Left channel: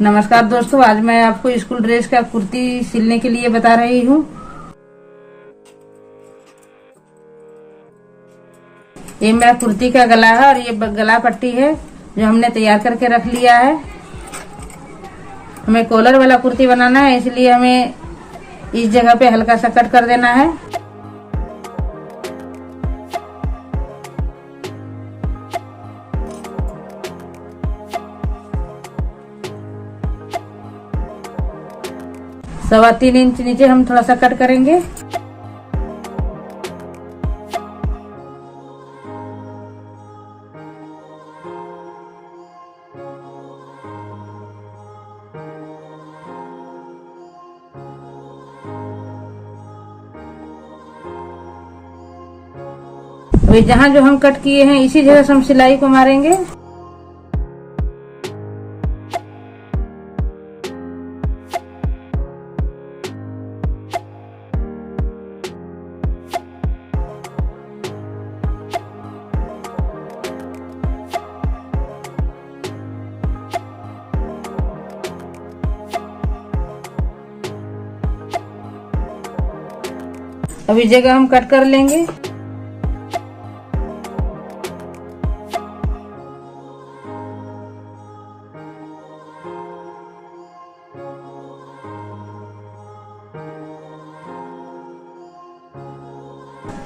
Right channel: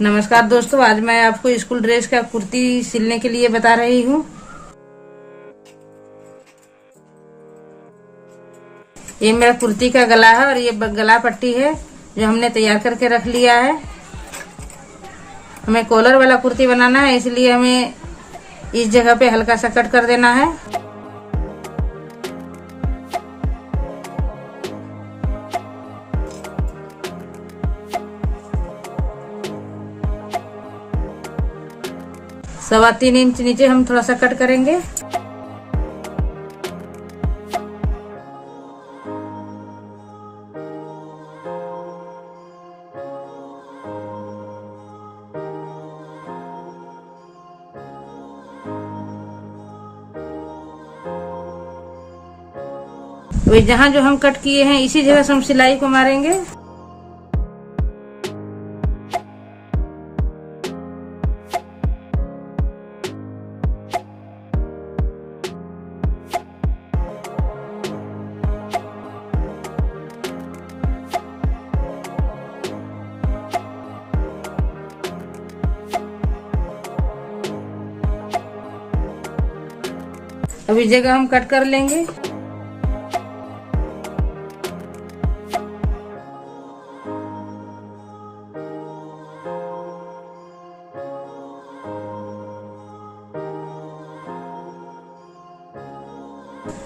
नमस्कार दोस्तों, आज मैं आपको स्कूल ड्रेस का कुर्ती सिलने के लिए बता रही हूँ। ये मेरा कुर्ती का गला है और ये गला पट्टी है जो हमने तैयार करके रख लिया है। हमें कॉलर वाला कुर्ती बनाना है, इसलिए हमें इस जगह पे हल्का सा कट कर देना है। सवा 3 इंच नीचे हम थोड़ा सा कट करेंगे। वही जहाँ जो हम कट किए हैं इसी जगह से हम सिलाई को मारेंगे। अब इस जगह हम कट कर लेंगे।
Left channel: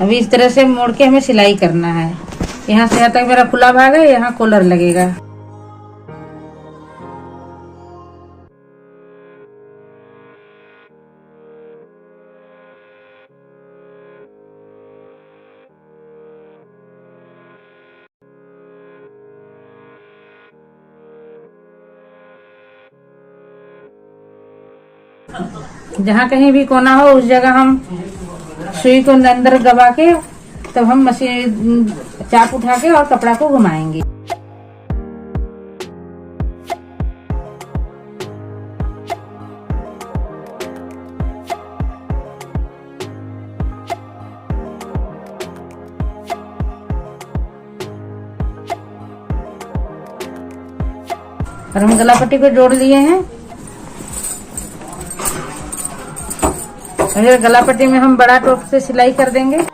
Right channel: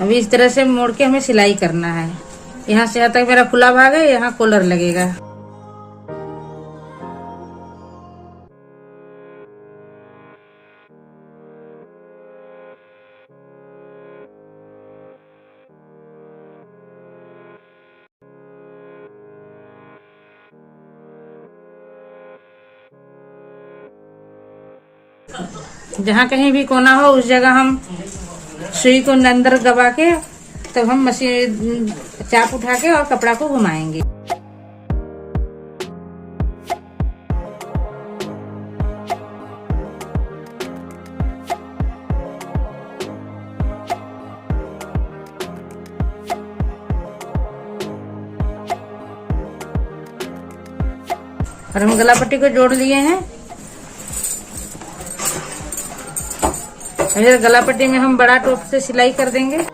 अभी इस तरह से मोड़ के हमें सिलाई करना है। यहाँ से यहाँ तक मेरा खुला भाग है, यहाँ कॉलर लगेगा। जहाँ कहीं भी कोना हो उस जगह हम सुई को अंदर दबा के तब हम मशीन चाप उठा के और कपड़ा को घुमाएंगे। और हम गला पट्टी को जोड़ लिए हैं। गला पट्टी में हम बड़ा टोप से सिलाई कर देंगे। और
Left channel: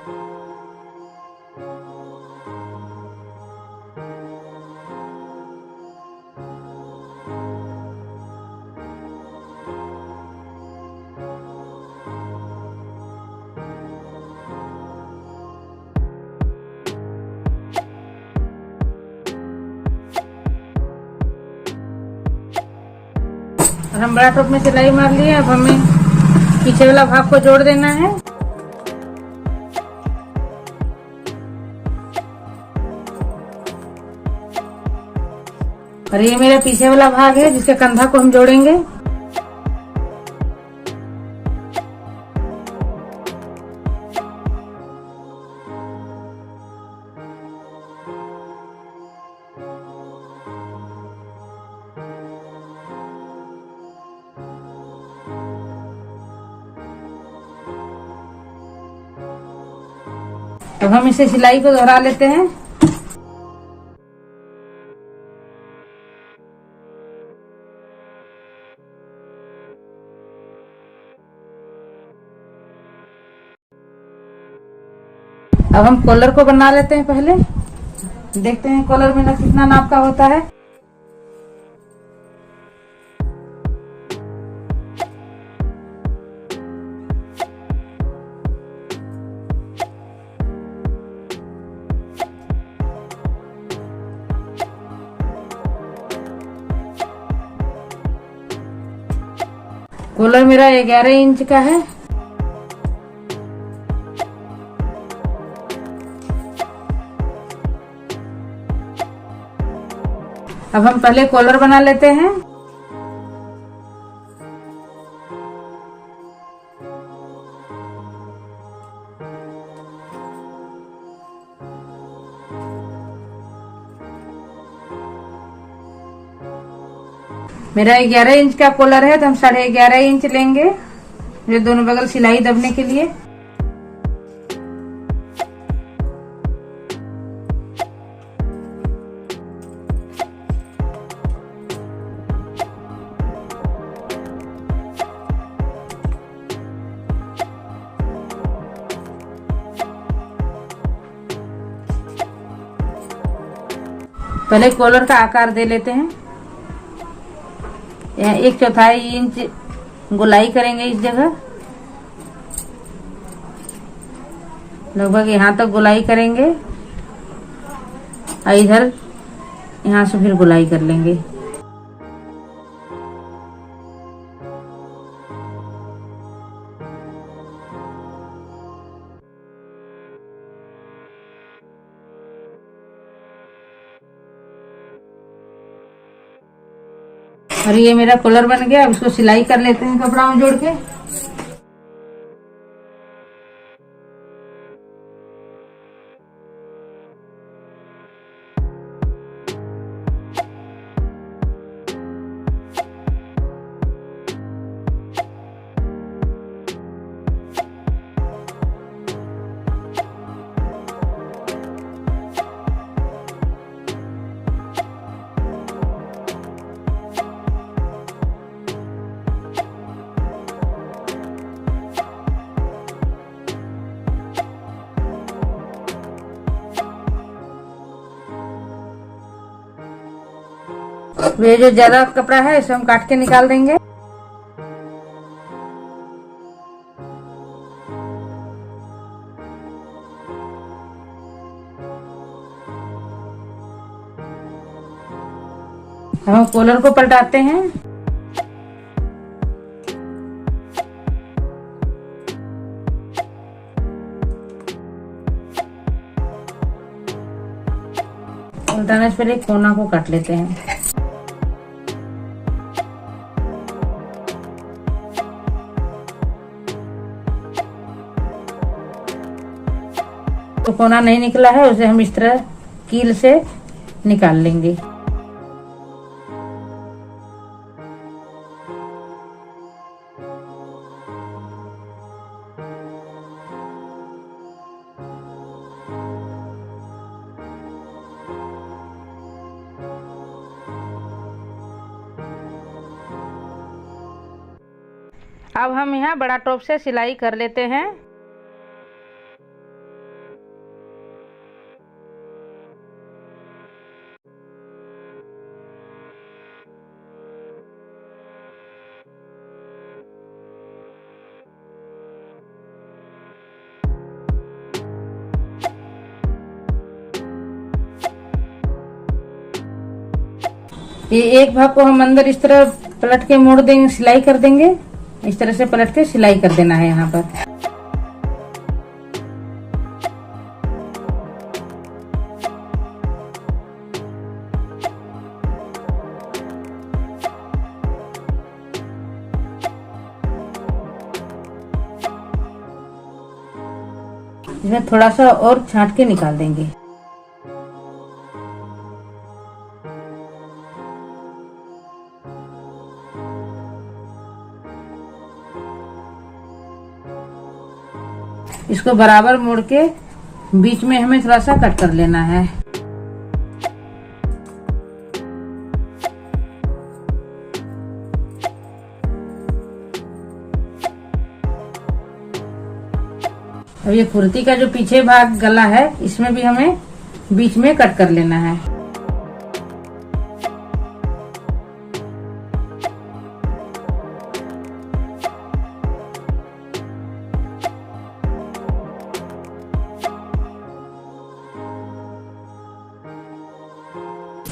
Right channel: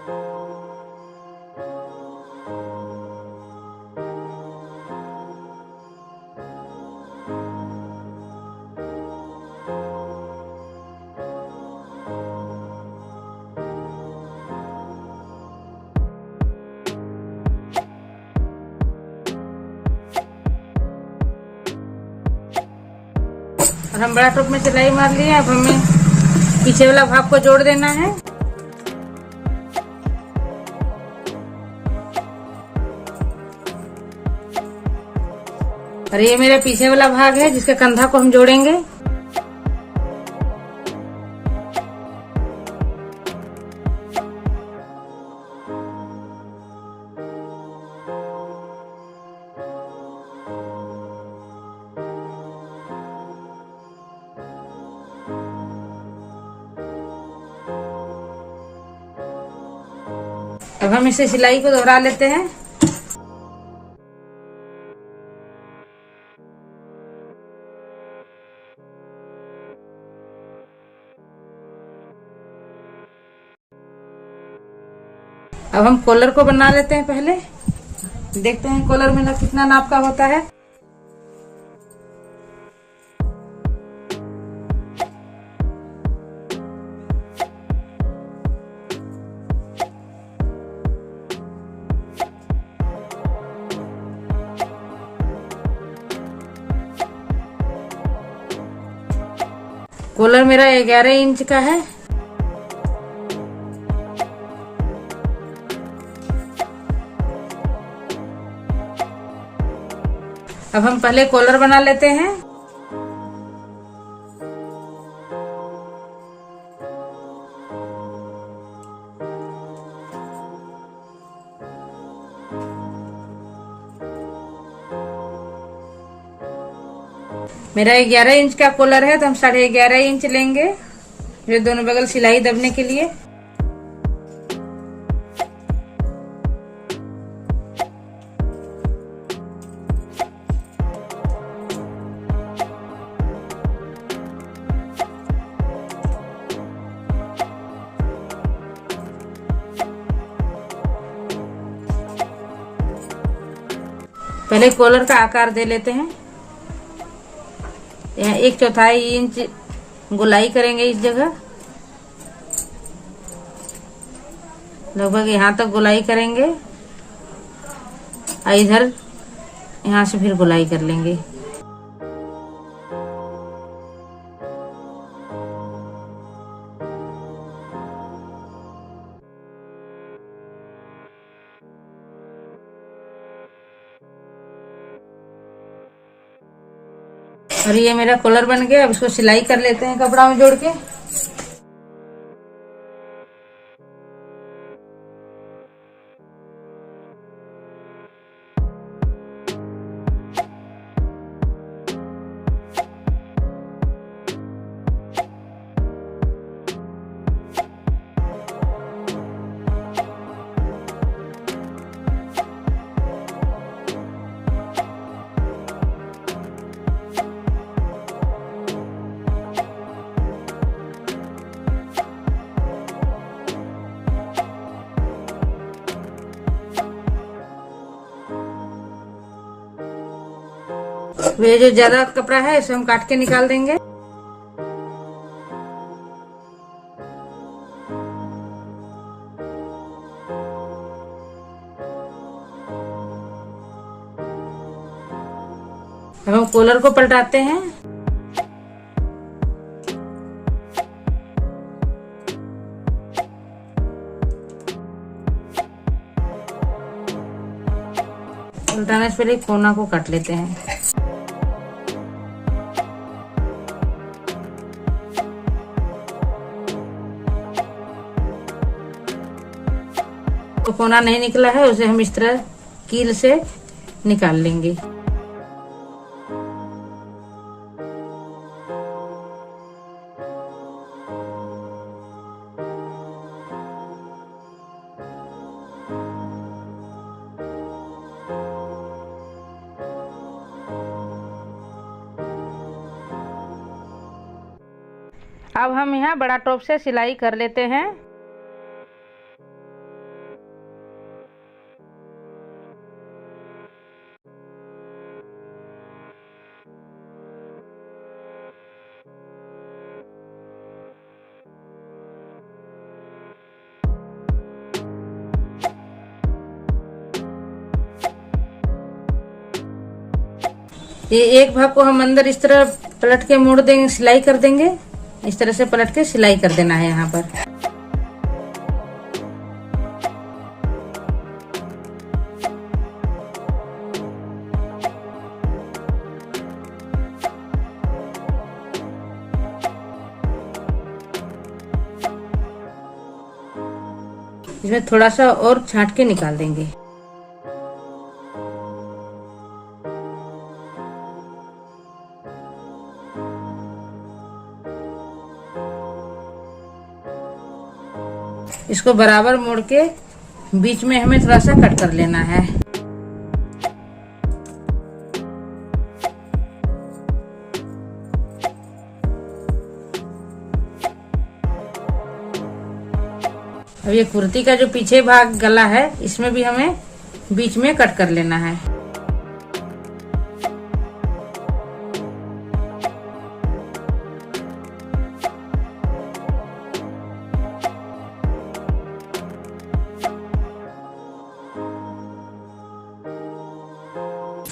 हम बड़ा टोप में सिलाई मार लिए। अब हमें पीछे वाला भाग को जोड़ देना है। और ये मेरा पीछे वाला भाग है जिसका कंधा को हम जोड़ेंगे। अब हम इसे सिलाई को दोहरा लेते हैं। अब हम कॉलर को बना लेते हैं। पहले देखते हैं कॉलर मेरा कितना नाप का होता है। कॉलर मेरा 11 इंच का है। अब हम पहले कॉलर बना लेते हैं। मेरा 11 इंच का कॉलर है तो हम 11.5 इंच लेंगे जो दोनों बगल सिलाई दबने के लिए। पहले कॉलर का आकार दे लेते हैं। यहाँ 1/4 इंच गोलाई करेंगे इस जगह, लगभग यहाँ तक गोलाई करेंगे और इधर यहाँ से फिर गोलाई कर लेंगे। और ये मेरा कॉलर बन गया। अब इसको सिलाई कर लेते हैं कपड़ा में जोड़ के। ये जो ज्यादा कपड़ा है इसे हम काट के निकाल देंगे। हम कॉलर को पलटाते हैं। उल्टाने से पहले एक कोना को काट लेते हैं। तो कोना नहीं निकला है उसे हम इस तरह कील से निकाल लेंगे। अब हम यहाँ बड़ा टॉप से सिलाई कर लेते हैं। ये एक भाग को हम अंदर इस तरह पलट के मोड़ देंगे, सिलाई कर देंगे। इस तरह से पलट के सिलाई कर देना है यहाँ पर। इसमें थोड़ा सा और छांट के निकाल देंगे। इसको बराबर मोड़ के बीच में हमें थोड़ा सा कट कर लेना है। अब ये कुर्ती का जो पीछे भाग गला है इसमें भी हमें बीच में कट कर लेना है।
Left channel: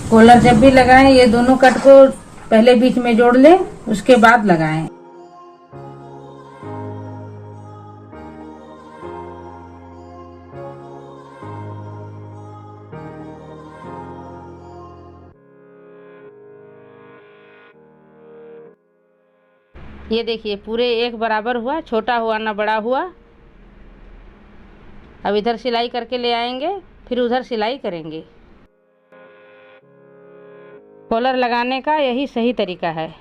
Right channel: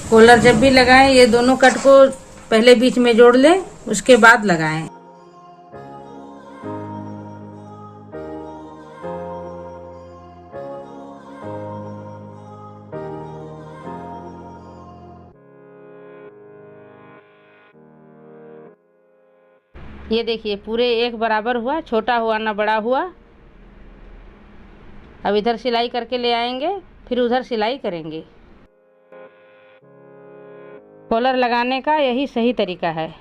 कॉलर जब भी लगाएं ये दोनों कट को पहले बीच में जोड़ लें, उसके बाद लगाएं। ये देखिए पूरे एक बराबर हुआ, छोटा हुआ ना बड़ा हुआ। अब इधर सिलाई करके ले आएंगे, फिर उधर सिलाई करेंगे। कॉलर लगाने का यही सही तरीका है।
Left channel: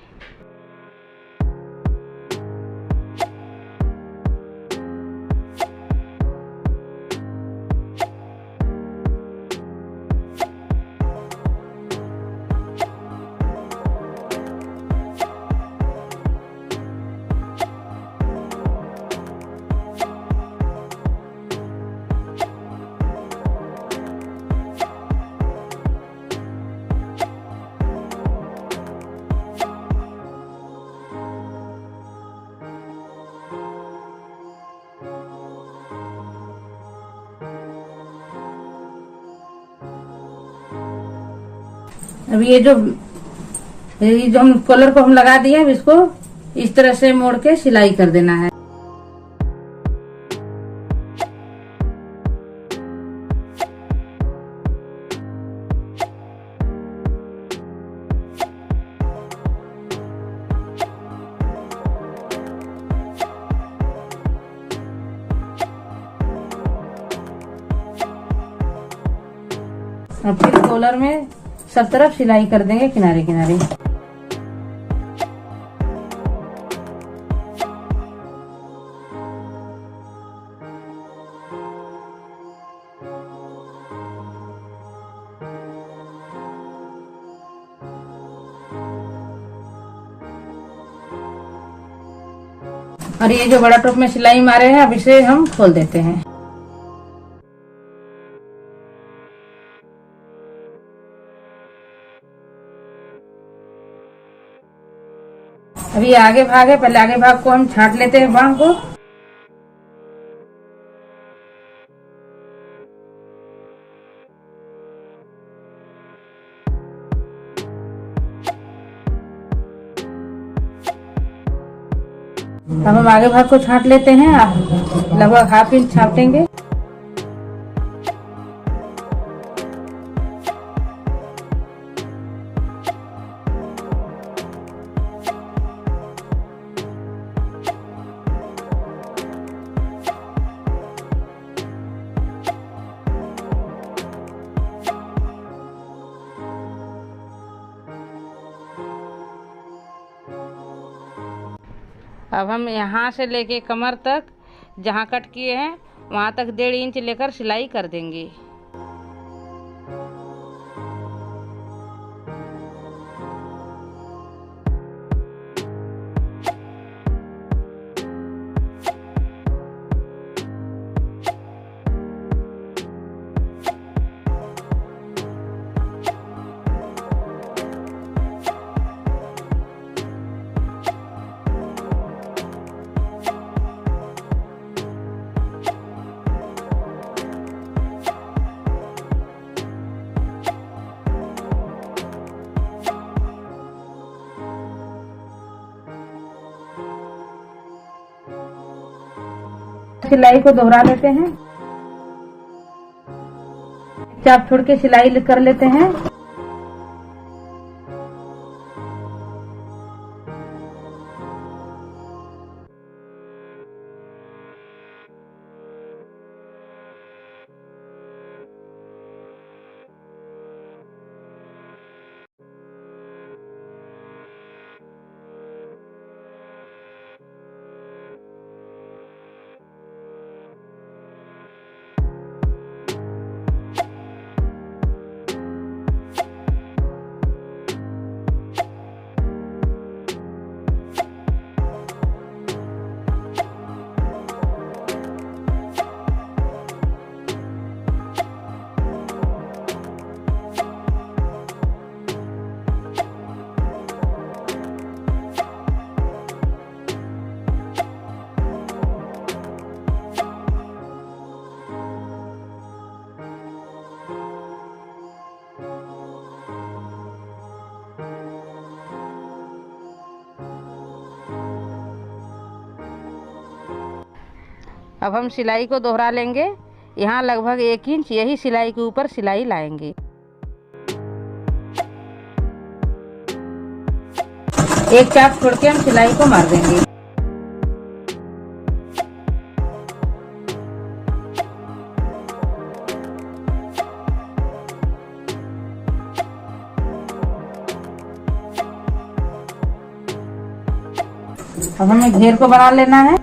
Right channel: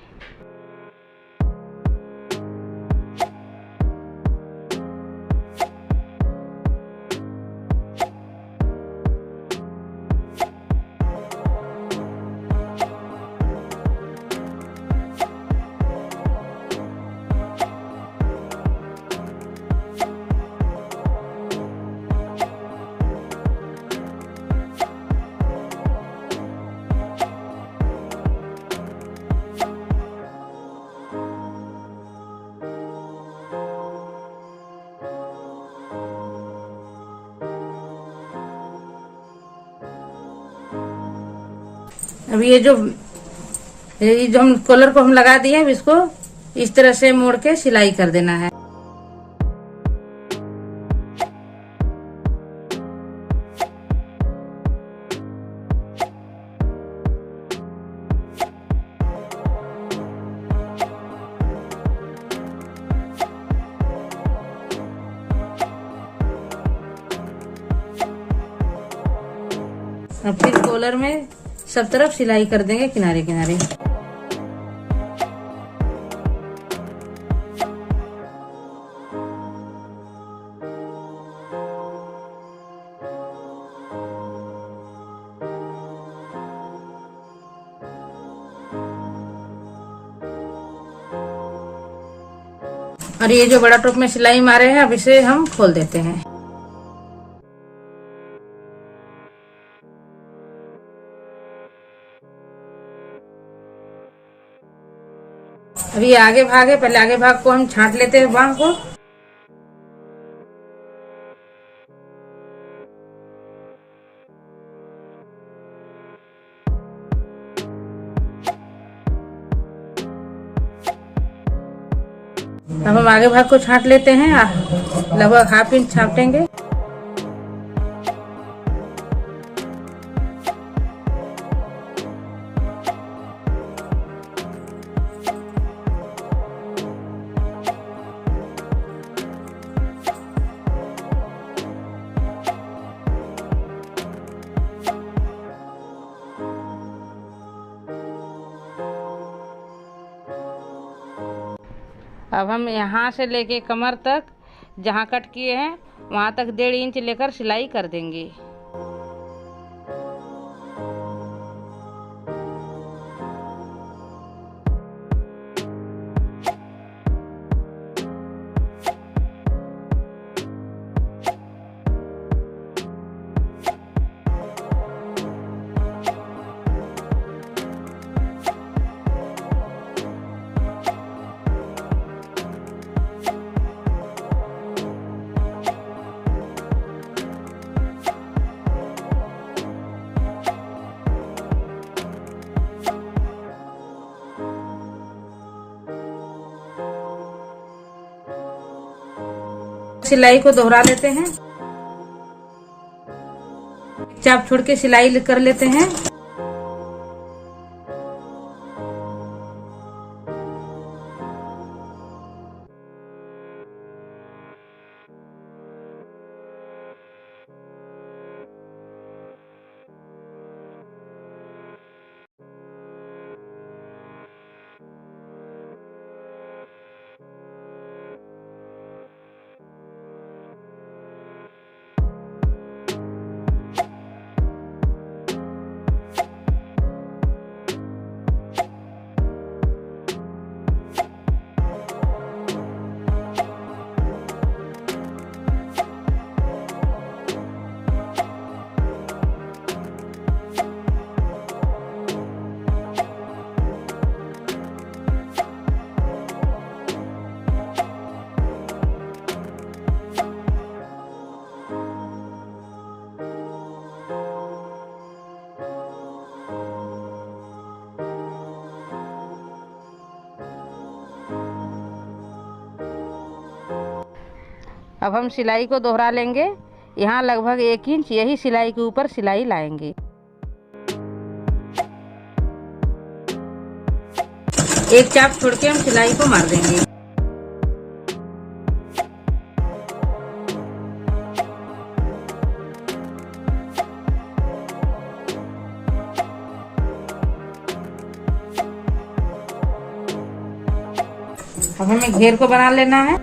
अब ये जो हम कॉलर को हम लगा दिए, अब इसको इस तरह से मोड़ के सिलाई कर देना है। अब फिर कॉलर में सब तरफ सिलाई कर देंगे किनारे किनारे। और ये जो बड़ा टोप में सिलाई मारे हैं, अब इसे हम खोल देते हैं। अभी आगे भाग है, पहले आगे भाग को हम छांट लेते हैं बांह को। अब हम आगे भाग को छांट लेते हैं, लगभग हाफ इंच छाटेंगे। अब हम यहाँ से लेके कमर तक जहाँ कट किए हैं वहाँ तक 1.5 इंच लेकर सिलाई कर देंगे। सिलाई को दोहरा लेते हैं, चाप छोड़ के सिलाई कर लेते हैं। अब हम सिलाई को दोहरा लेंगे, यहाँ लगभग 1 इंच यही सिलाई के ऊपर सिलाई लाएंगे। एक चाप छोड़ के हम सिलाई को मार देंगे। अब हमें घेर को बना लेना है।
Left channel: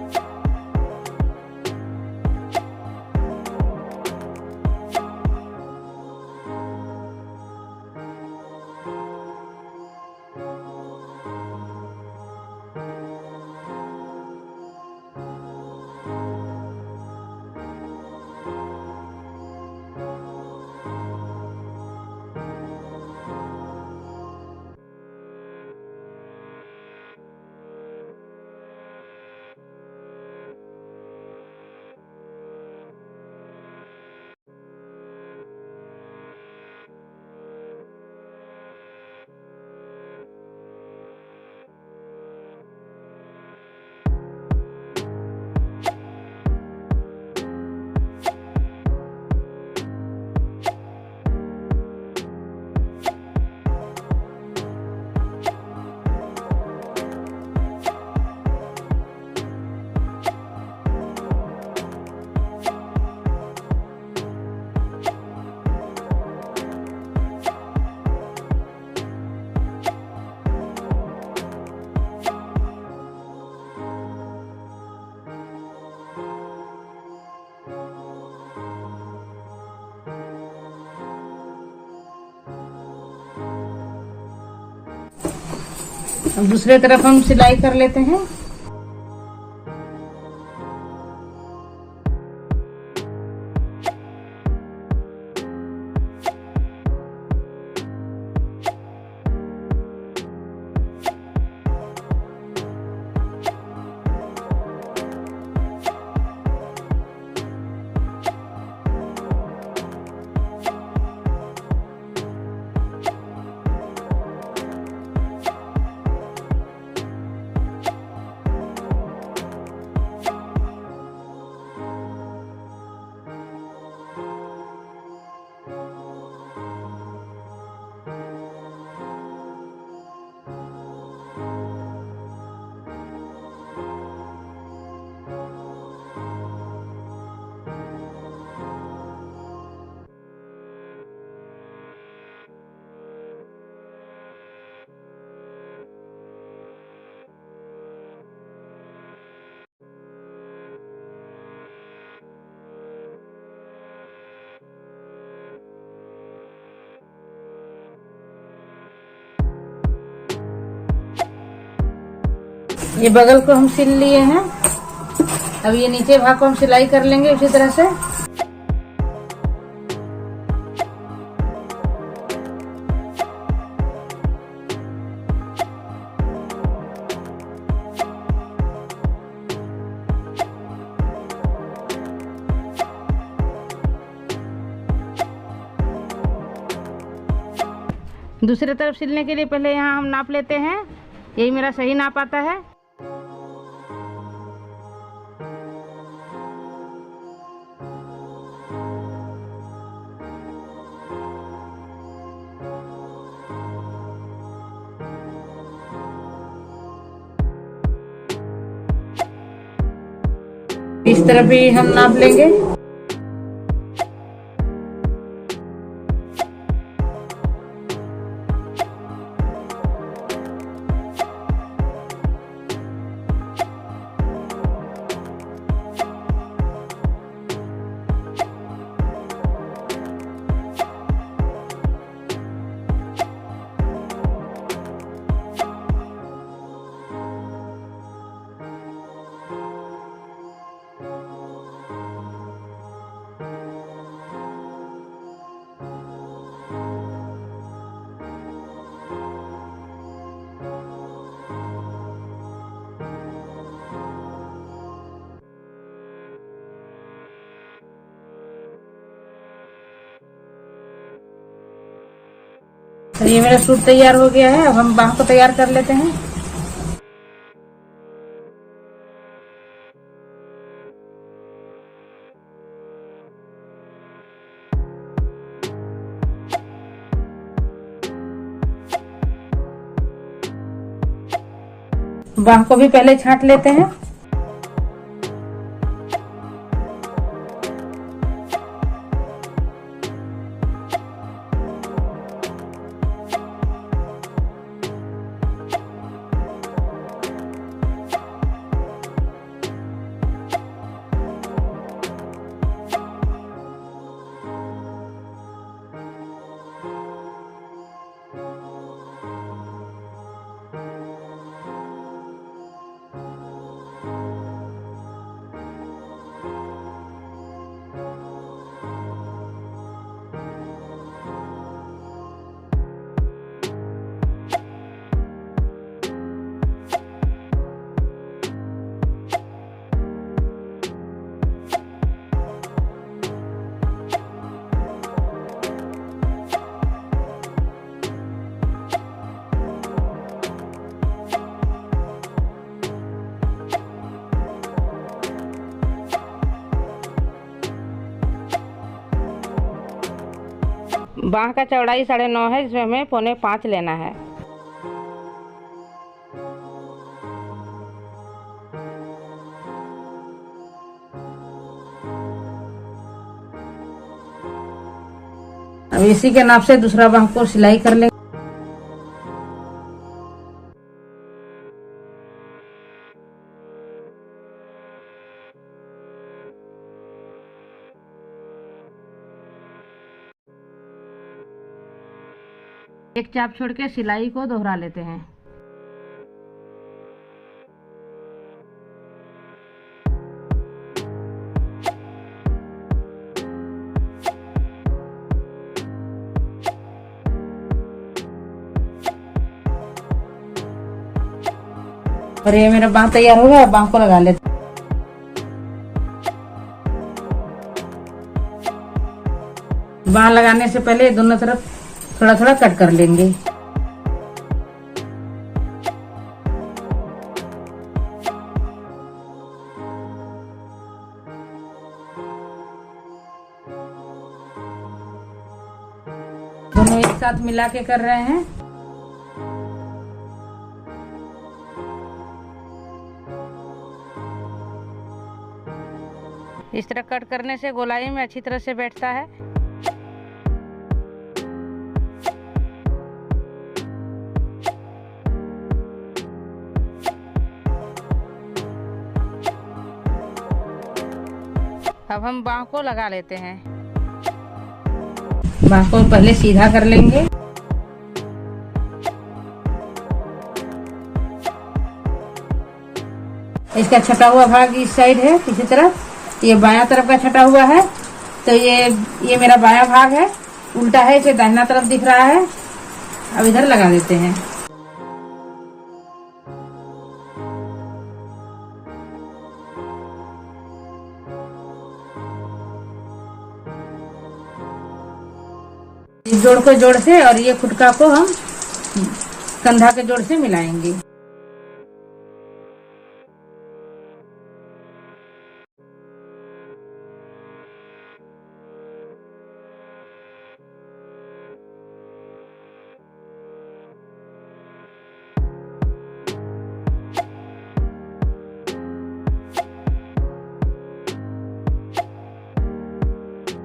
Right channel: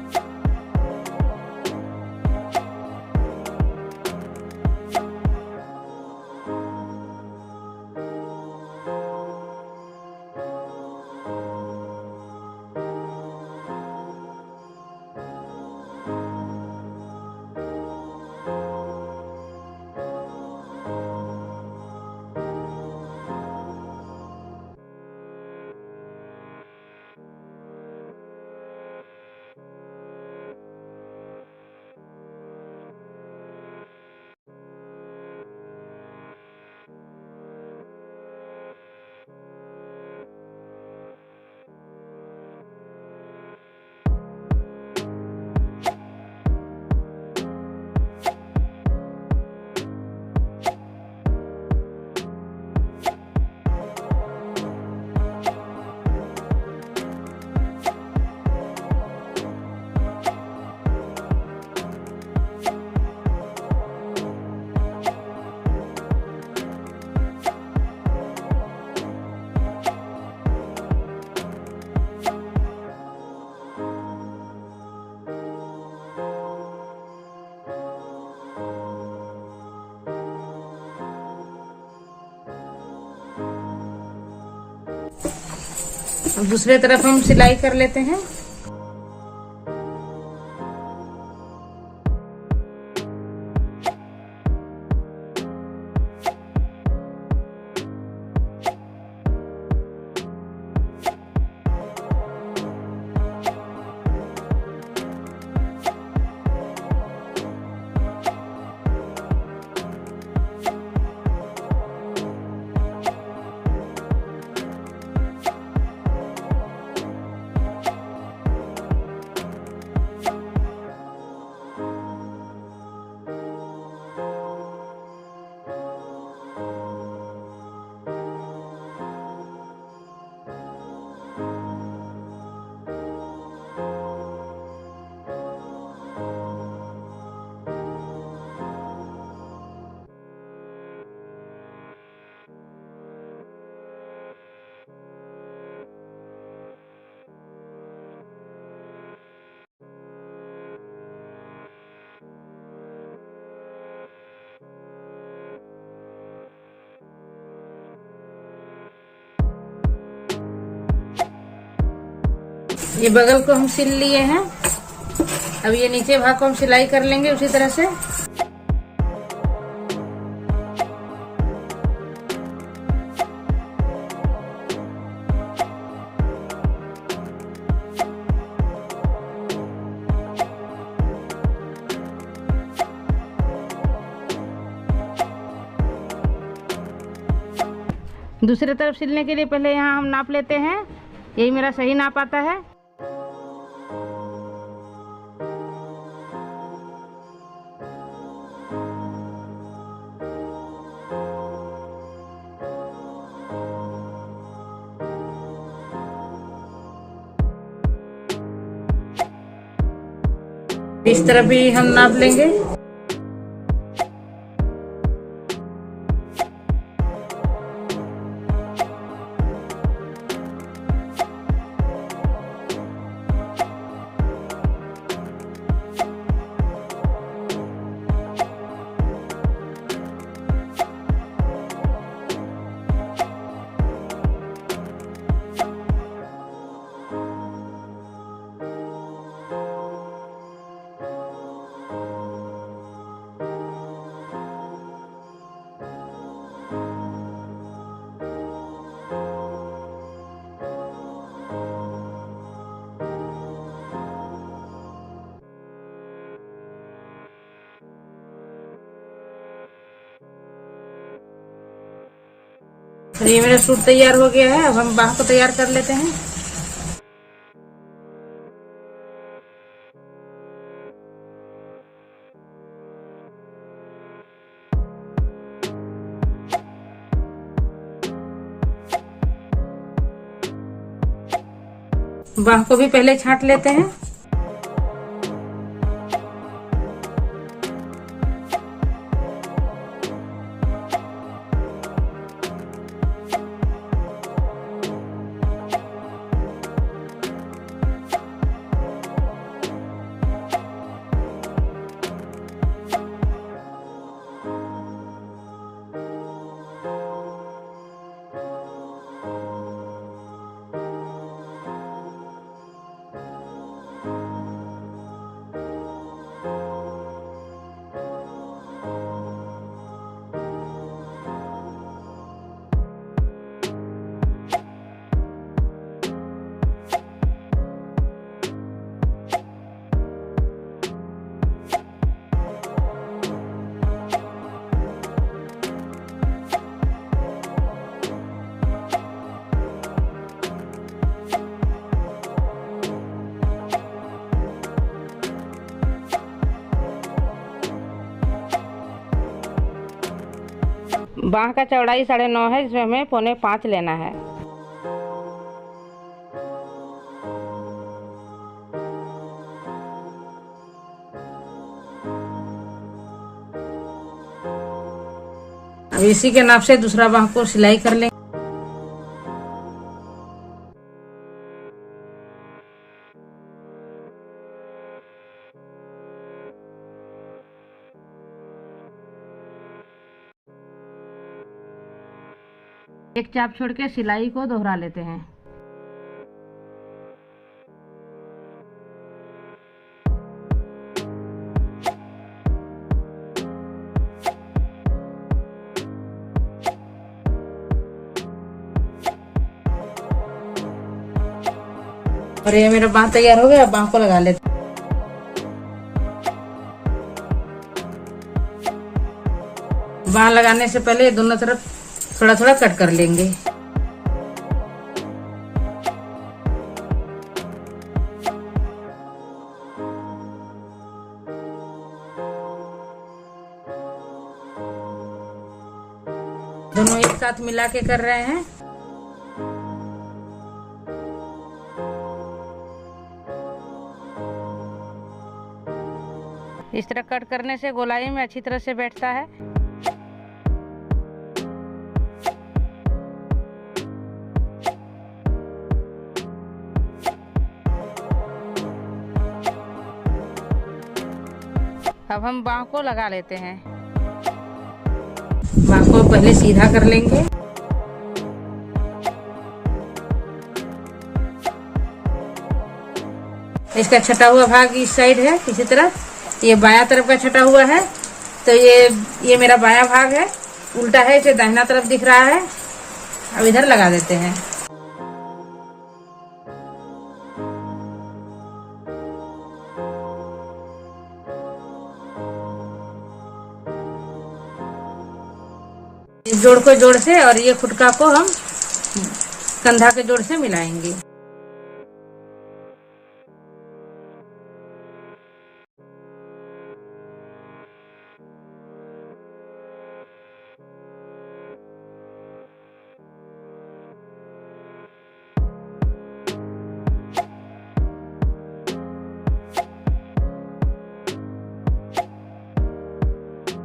अब दूसरे तरफ हम सिलाई कर लेते हैं। ये बगल को हम सिल लिए हैं। अब ये नीचे भाग को हम सिलाई कर लेंगे उसी तरह से। दूसरी तरफ सिलने के लिए पहले यहाँ हम नाप लेते हैं। यही मेरा सही नाप आता है। इस तरफ भी हम नाप लेंगे। तो ये मेरा सूट तैयार हो गया है। अब हम बाह को तैयार कर लेते हैं। बाह को भी पहले छांट लेते हैं। बाह का चौड़ाई 9.5 है, जिसमें हमें 4.25 लेना है। अब इसी के नाप से दूसरा बाह को सिलाई कर लेंगे। एक चाप छोड़ के सिलाई को दोहरा लेते हैं। और ये मेरा बांह तैयार हो गया, बांह को लगा लेते। बांह लगाने से पहले दोनों तरफ थोड़ा थोड़ा कट कर लेंगे। दोनों एक साथ मिला के कर रहे हैं। इस तरह कट करने से गोलाई में अच्छी तरह से बैठता है। अब हम बांह को लगा लेते हैं। बांह को पहले सीधा कर लेंगे। इसका छटा हुआ भाग इस साइड है, इसी तरफ ये बायां तरफ का छटा हुआ है, तो ये मेरा बायां भाग है, उल्टा है, इसे दाहिना तरफ दिख रहा है। अब इधर लगा देते हैं। इस जोड़ को जोड़ से और ये खुटका को हम कंधा के जोड़ से मिलाएंगे।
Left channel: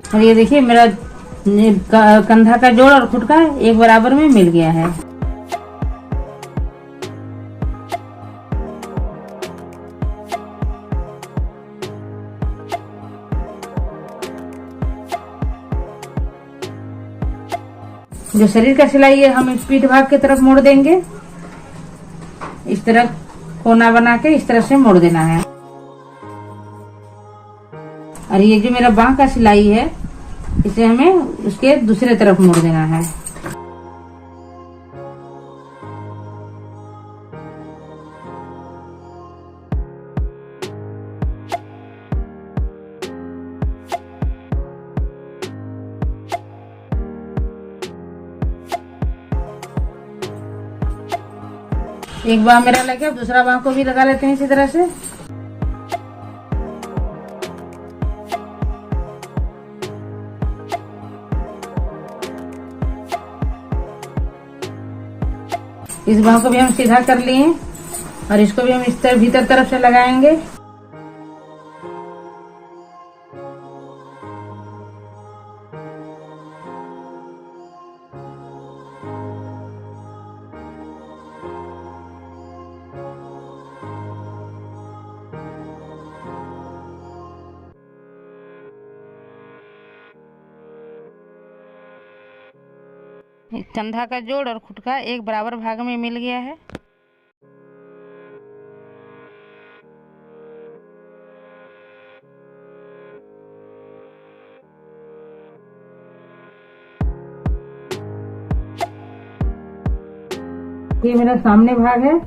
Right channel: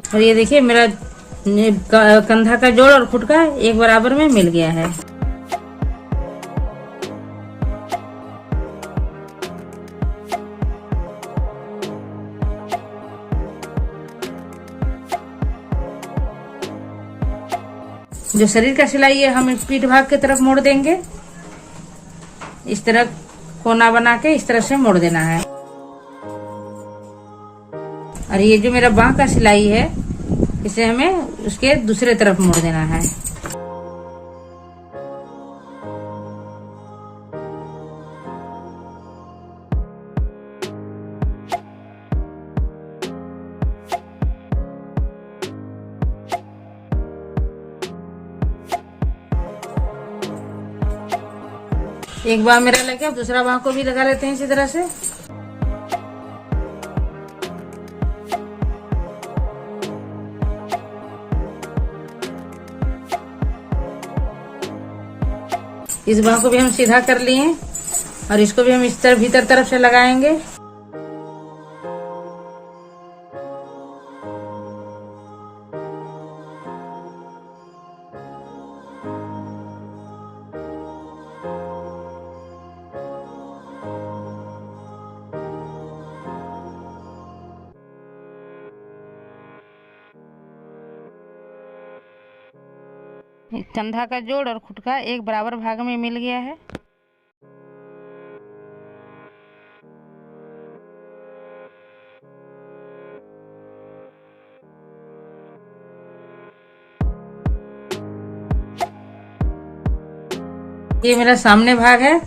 और ये देखिए मेरा कंधा का जोड़ और खुटका एक बराबर में मिल गया है। जो शरीर का सिलाई है हम पीठ भाग की तरफ मोड़ देंगे। इस तरह कोना बना के इस तरह से मोड़ देना है। और ये जो मेरा बांह का सिलाई है इसे हमें उसके दूसरे तरफ मोड़ देना है। एक बांह मेरा लग गया, दूसरा बांह को भी लगा लेते हैं इसी तरह से। इस बांह को भी हम सीधा कर लिए और इसको भी हम इस तरह भीतर तरफ से लगाएंगे। कंधा का जोड़ और खुटका एक बराबर भाग में मिल गया है। ये मेरा सामने भाग है,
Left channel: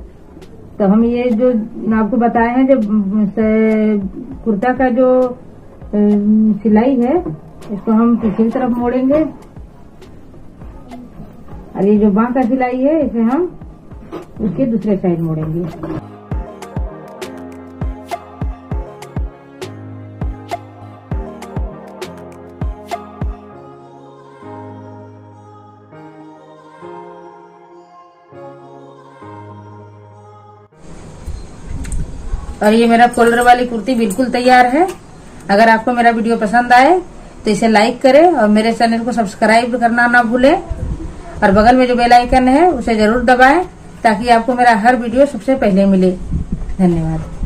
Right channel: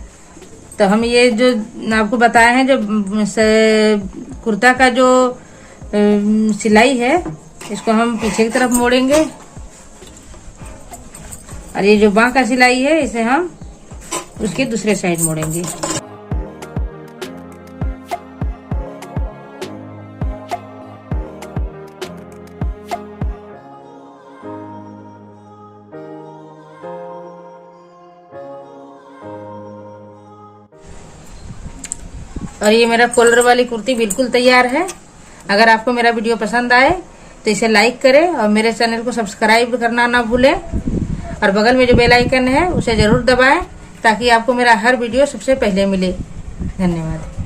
तो हम ये जो आपको बताए हैं, जो कुर्ता का जो सिलाई है इसको हम पीछे की तरफ मोड़ेंगे। और ये जो बांह का सिलाई है इसे हम उसके दूसरे साइड मोड़ेंगे। और ये मेरा कॉलर वाली कुर्ती बिल्कुल तैयार है। अगर आपको मेरा वीडियो पसंद आए तो इसे लाइक करें और मेरे चैनल को सब्सक्राइब करना ना भूलें। और बगल में जो बेल आइकन है उसे जरूर दबाएं ताकि आपको मेरा हर वीडियो सबसे पहले मिले। धन्यवाद।